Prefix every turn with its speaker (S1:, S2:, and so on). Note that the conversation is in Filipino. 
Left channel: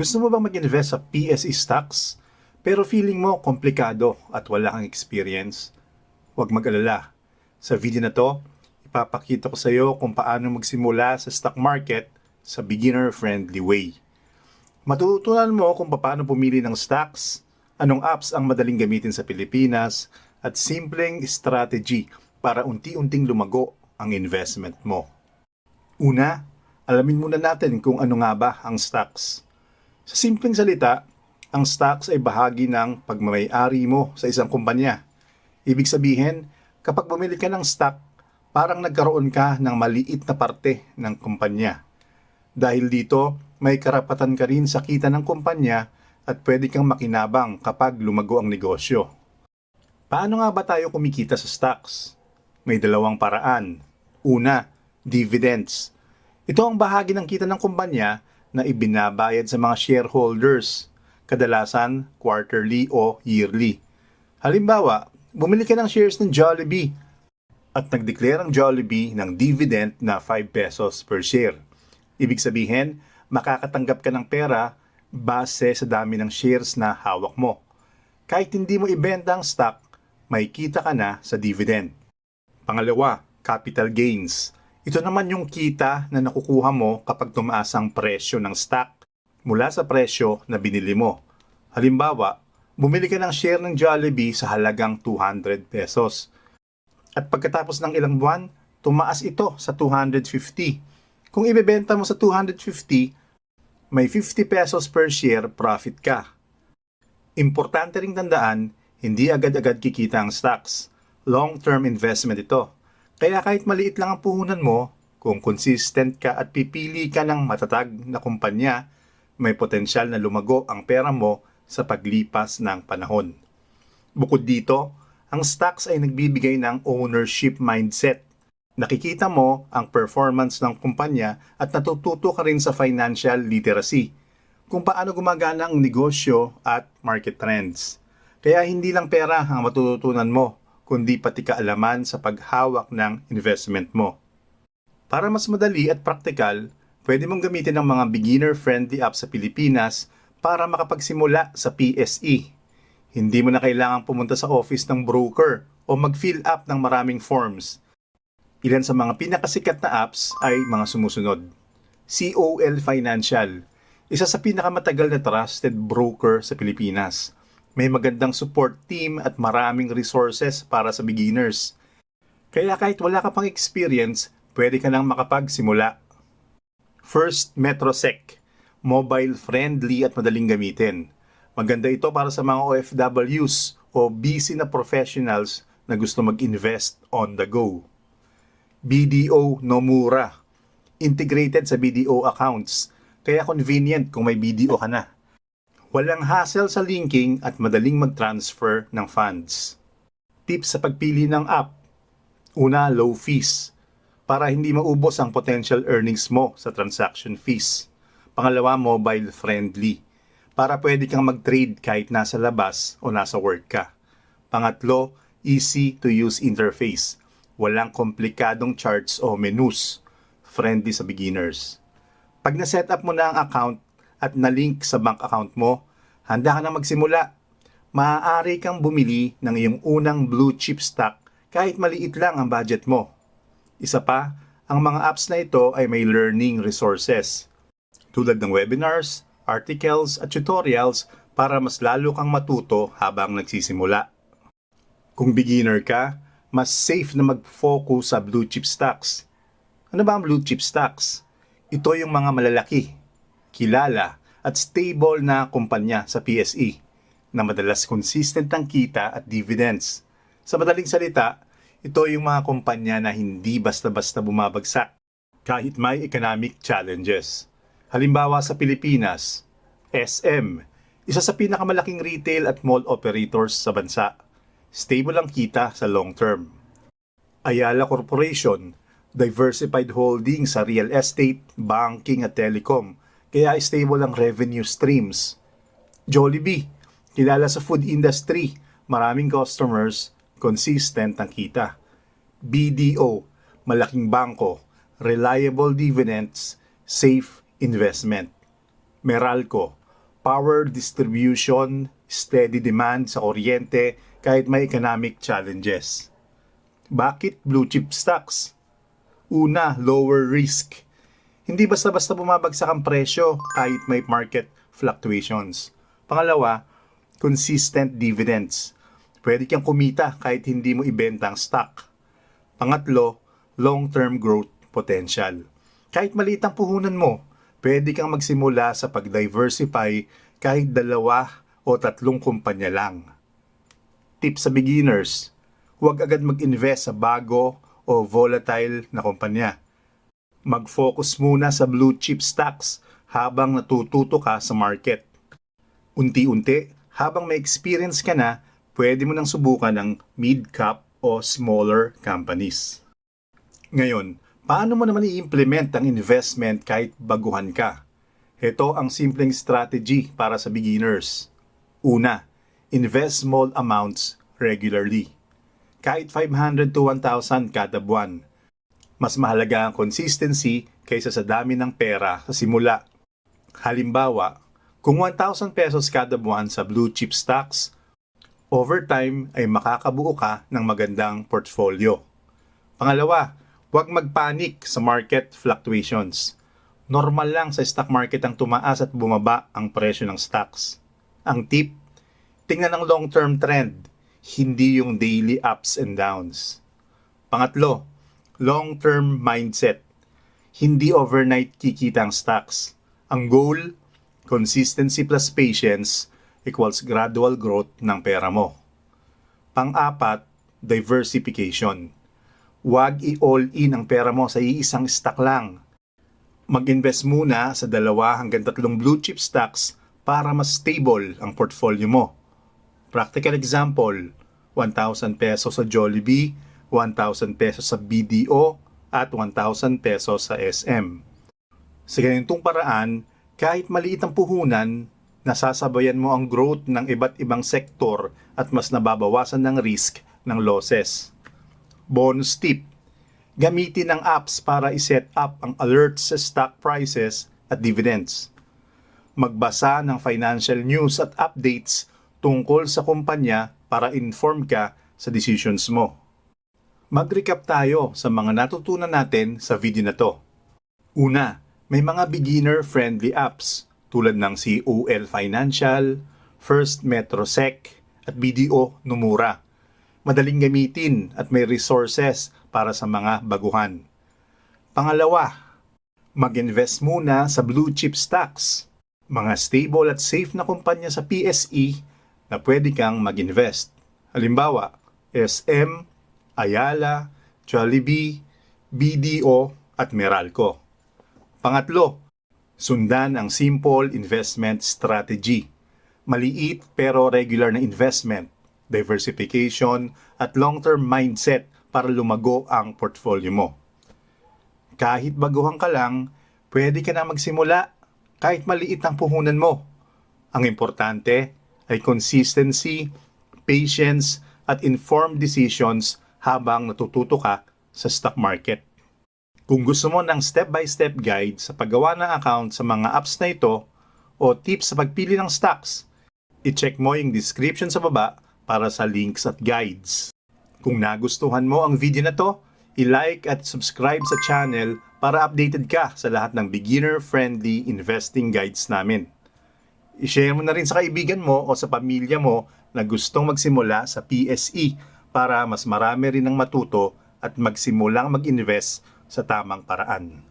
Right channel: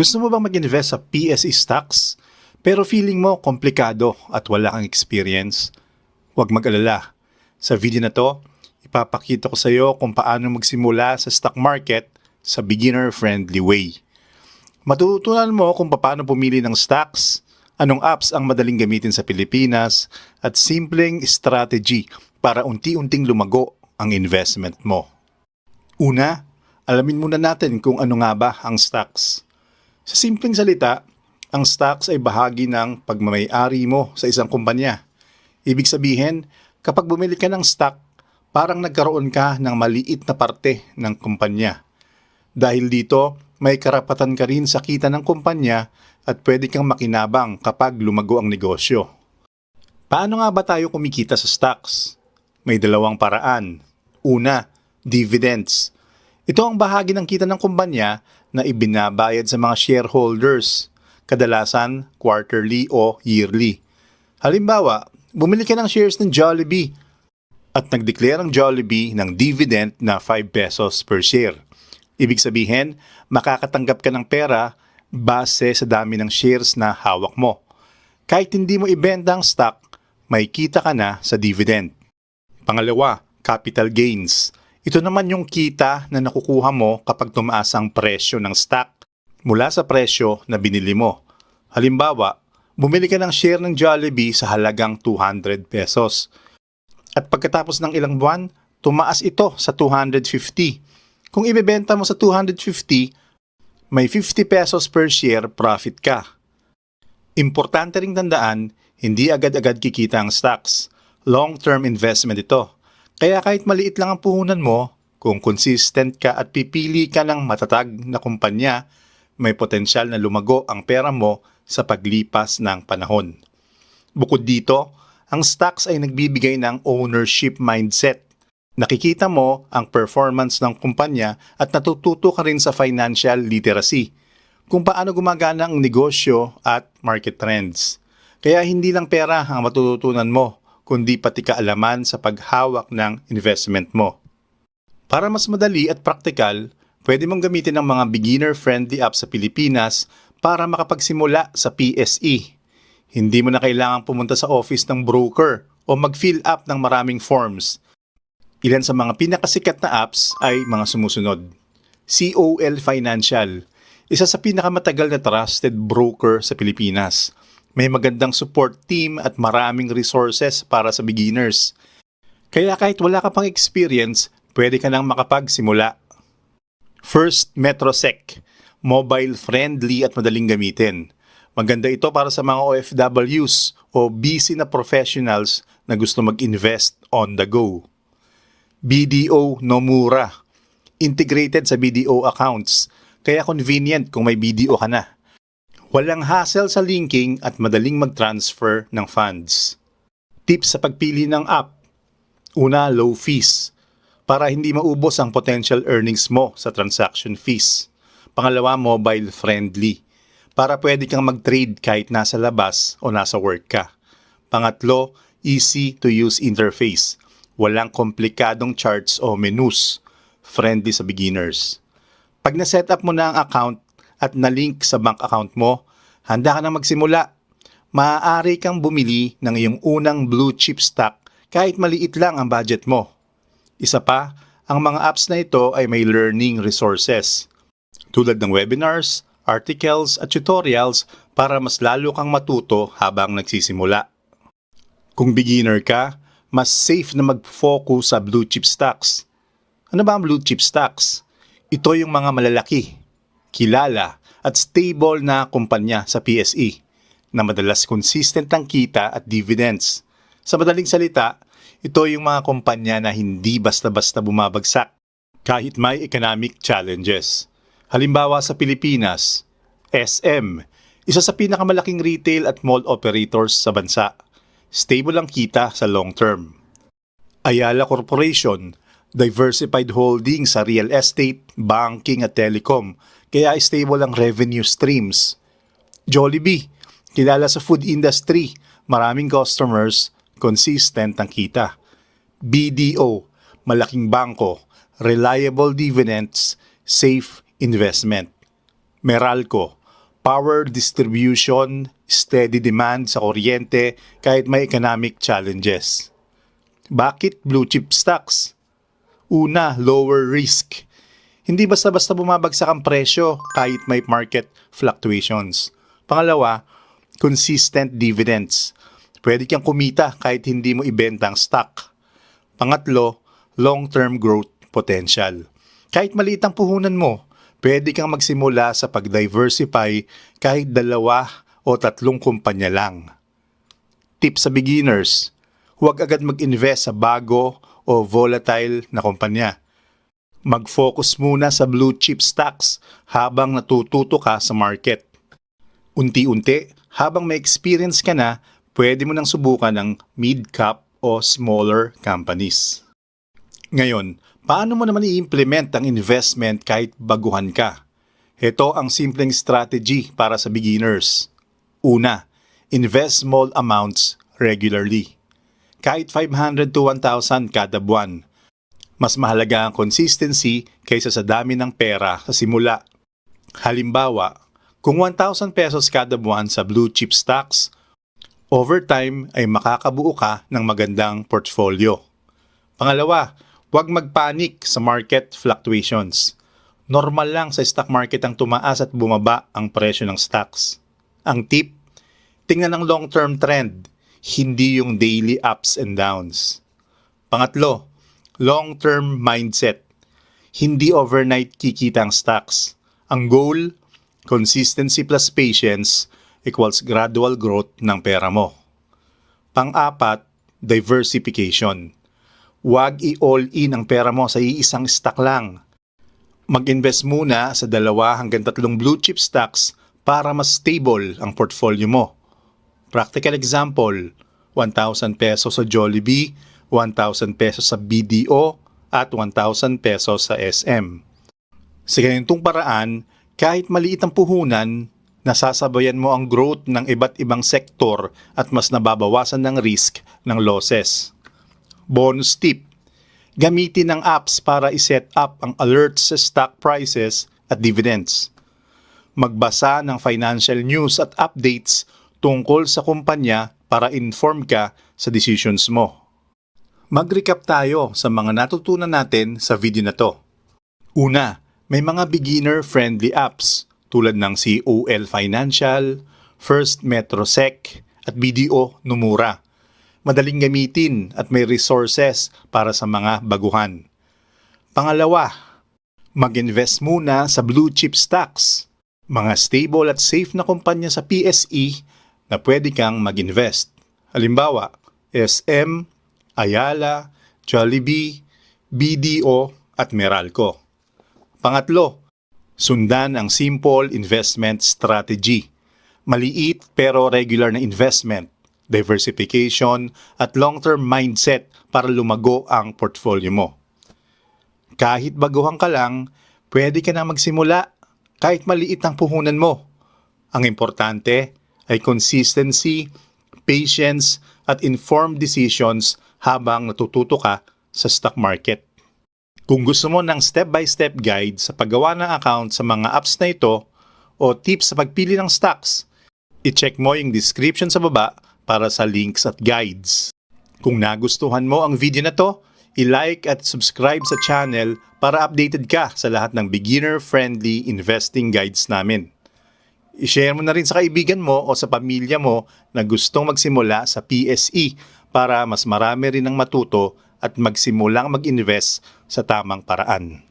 S1: Gusto mo bang mag-invest sa PSE stocks? Pero feeling mo komplikado at wala kang experience? Huwag mag-alala. Sa video na to, ipapakita ko sa iyo kung paano magsimula sa stock market sa beginner-friendly way. Matutunan mo kung paano pumili ng stocks, anong apps ang madaling gamitin sa Pilipinas, at simpleng strategy para unti-unting lumago ang investment mo. Una, alamin muna natin kung ano nga ba ang stocks. Sa simpleng salita, ang stocks ay bahagi ng pagmamayari mo sa isang kumpanya. Ibig sabihin, kapag bumili ka ng stock, parang nagkaroon ka ng maliit na parte ng kumpanya. Dahil dito, may karapatan ka rin sa kita ng kumpanya at pwede kang makinabang kapag lumago ang negosyo. Paano nga ba tayo kumikita sa stocks? May dalawang paraan. Una, dividends. Ito ang bahagi ng kita ng kumpanya na ibinabayad sa mga shareholders, kadalasan quarterly o yearly. Halimbawa, bumili ka ng shares ng Jollibee at nag-declare ang Jollibee ng dividend na 5 pesos per share. Ibig sabihin, makakatanggap ka ng pera base sa dami ng shares na hawak mo. Kahit hindi mo ibenta ang stock, may kita ka na sa dividend. Pangalawa, capital gains. Ito naman yung kita na nakukuha mo kapag tumaas ang presyo ng stock mula sa presyo na binili mo. Halimbawa, bumili ka ng share ng Jollibee sa halagang 200 pesos. At pagkatapos ng ilang buwan, tumaas ito sa 250. Kung ibebenta mo sa 250, may 50 pesos per share profit ka. Importante ring tandaan, hindi agad-agad kikita ang stocks. Long-term investment ito. Kaya kahit maliit lang ang puhunan mo, kung consistent ka at pipili ka ng matatag na kumpanya, may potensyal na lumago ang pera mo sa paglipas ng panahon. Bukod dito, ang stocks ay nagbibigay ng ownership mindset. Nakikita mo ang performance ng kumpanya at natututo ka rin sa financial literacy, kung paano gumagana ang negosyo at market trends. Kaya hindi lang pera ang matututunan mo, kundi pati kaalaman sa paghawak ng investment mo. Para mas madali at praktikal, pwede mong gamitin ang mga beginner-friendly apps sa Pilipinas para makapagsimula sa PSE. Hindi mo na kailangang pumunta sa office ng broker o mag-fill up ng maraming forms. Ilan sa mga pinakasikat na apps ay mga sumusunod. COL Financial, isa sa pinakamatagal na trusted broker sa Pilipinas. May magandang support team at maraming resources para sa beginners. Kaya kahit wala ka pang experience, pwede ka nang makapagsimula. First, Metrosec. Mobile friendly at madaling gamitin. Maganda ito para sa mga OFWs o busy na professionals na gusto mag-invest on the go. BDO Nomura. Integrated sa BDO accounts, kaya convenient kung may BDO ka na. Walang hassle sa linking at madaling mag-transfer ng funds. Tips sa pagpili ng app. Una, low fees. Para hindi maubos ang potential earnings mo sa transaction fees. Pangalawa, mobile friendly. Para pwede kang mag-trade kahit nasa labas o nasa work ka. Pangatlo, easy to use interface. Walang komplikadong charts o menus. Friendly sa beginners. Pag na-set up mo na ang account at na-link sa bank account mo, handa ka na magsimula. Maaari kang bumili ng iyong unang blue chip stock kahit maliit lang ang budget mo. Isa pa, ang mga apps na ito ay may learning resources tulad ng webinars, articles at tutorials para mas lalo kang matuto habang nagsisimula. Kung beginner ka, mas safe na mag-focus sa blue chip stocks. Ano ba ang blue chip stocks? Ito yung mga malalaki, kilala at stable na kumpanya sa PSE na madalas consistent ang kita at dividends. Sa madaling salita, ito yung mga kumpanya na hindi basta-basta bumabagsak kahit may economic challenges. Halimbawa sa Pilipinas, SM, isa sa pinakamalaking retail at mall operators sa bansa. Stable ang kita sa long term. Ayala Corporation, diversified holding sa real estate, banking at telecom, kaya stable ang revenue streams. Jollibee, kilala sa food industry, maraming customers, consistent ang kita. BDO, malaking bangko, reliable dividends, safe investment. Meralco, power distribution, steady demand sa kuryente kahit may economic challenges. Bakit blue chip stocks? Una, lower risk. Hindi basta-basta bumabagsak ang presyo kahit may market fluctuations. Pangalawa, consistent dividends. Pwede kang kumita kahit hindi mo ibenta ang stock. Pangatlo, long-term growth potential. Kahit maliit ang puhunan mo, pwede kang magsimula sa pag-diversify kahit dalawa o tatlong kumpanya lang. Tip sa beginners, huwag agad mag-invest sa bago o volatile na kumpanya. Mag-focus muna sa blue chip stocks habang natututo ka sa market. Unti-unti, habang may experience ka na, pwede mo nang subukan ng mid-cap o smaller companies. Ngayon, paano mo naman i-implement ang investment kahit baguhan ka? Ito ang simpleng strategy para sa beginners. Una, invest small amounts regularly. Kahit 500 to 1,000 kada buwan. Mas mahalaga ang consistency kaysa sa dami ng pera sa simula. Halimbawa, kung 1,000 pesos kada buwan sa blue chip stocks, over time ay makakabuo ka ng magandang portfolio. Pangalawa, huwag magpanik sa market fluctuations. Normal lang sa stock market ang tumaas at bumaba ang presyo ng stocks. Ang tip, tingnan ang long-term trend, hindi yung daily ups and downs. Pangatlo, long-term mindset. Hindi overnight kikita ang stocks. Ang goal, consistency plus patience equals gradual growth ng pera mo. Pang-apat, diversification. Huwag i-all in ang pera mo sa iisang stock lang. Mag-invest muna sa dalawa hanggang tatlong blue chip stocks para mas stable ang portfolio mo. Practical example, 1,000 pesos sa Jollibee, 1,000 pesos sa BDO, at 1,000 pesos sa SM. Sa ganitong paraan, kahit maliit ang puhunan, nasasabayan mo ang growth ng iba't ibang sektor at mas nababawasan ng risk ng losses. Bonus tip, gamitin ang apps para iset up ang alerts sa stock prices at dividends. Magbasa ng financial news at updates tungkol sa kumpanya para inform ka sa decisions mo. Mag-recap tayo sa mga natutunan natin sa video na to. Una, may mga beginner-friendly apps tulad ng COL Financial, First Metrosec, at BDO Numura. Madaling gamitin at may resources para sa mga baguhan. Pangalawa, mag-invest muna sa blue chip stocks, mga stable at safe na kumpanya sa PSE na pwede kang mag-invest. Halimbawa, SM, Ayala, Jollibee, BDO at Meralco. Pangatlo, sundan ang simple investment strategy. Maliit pero regular na investment, diversification at long-term mindset para lumago ang portfolio mo. Kahit baguhan ka lang, pwede ka na magsimula kahit maliit ang puhunan mo. Ang importante ay consistency, patience at informed decisions habang natututo ka sa stock market. Kung gusto mo ng step-by-step guide sa paggawa ng account sa mga apps na ito o tips sa pagpili ng stocks, i-check mo yung description sa baba para sa links at guides. Kung nagustuhan mo ang video na to, i-like at subscribe sa channel para updated ka sa lahat ng beginner-friendly investing guides namin. I-share mo na rin sa kaibigan mo o sa pamilya mo na gustong magsimula sa PSE para mas marami rin ang matuto at magsimulang mag-invest sa tamang paraan.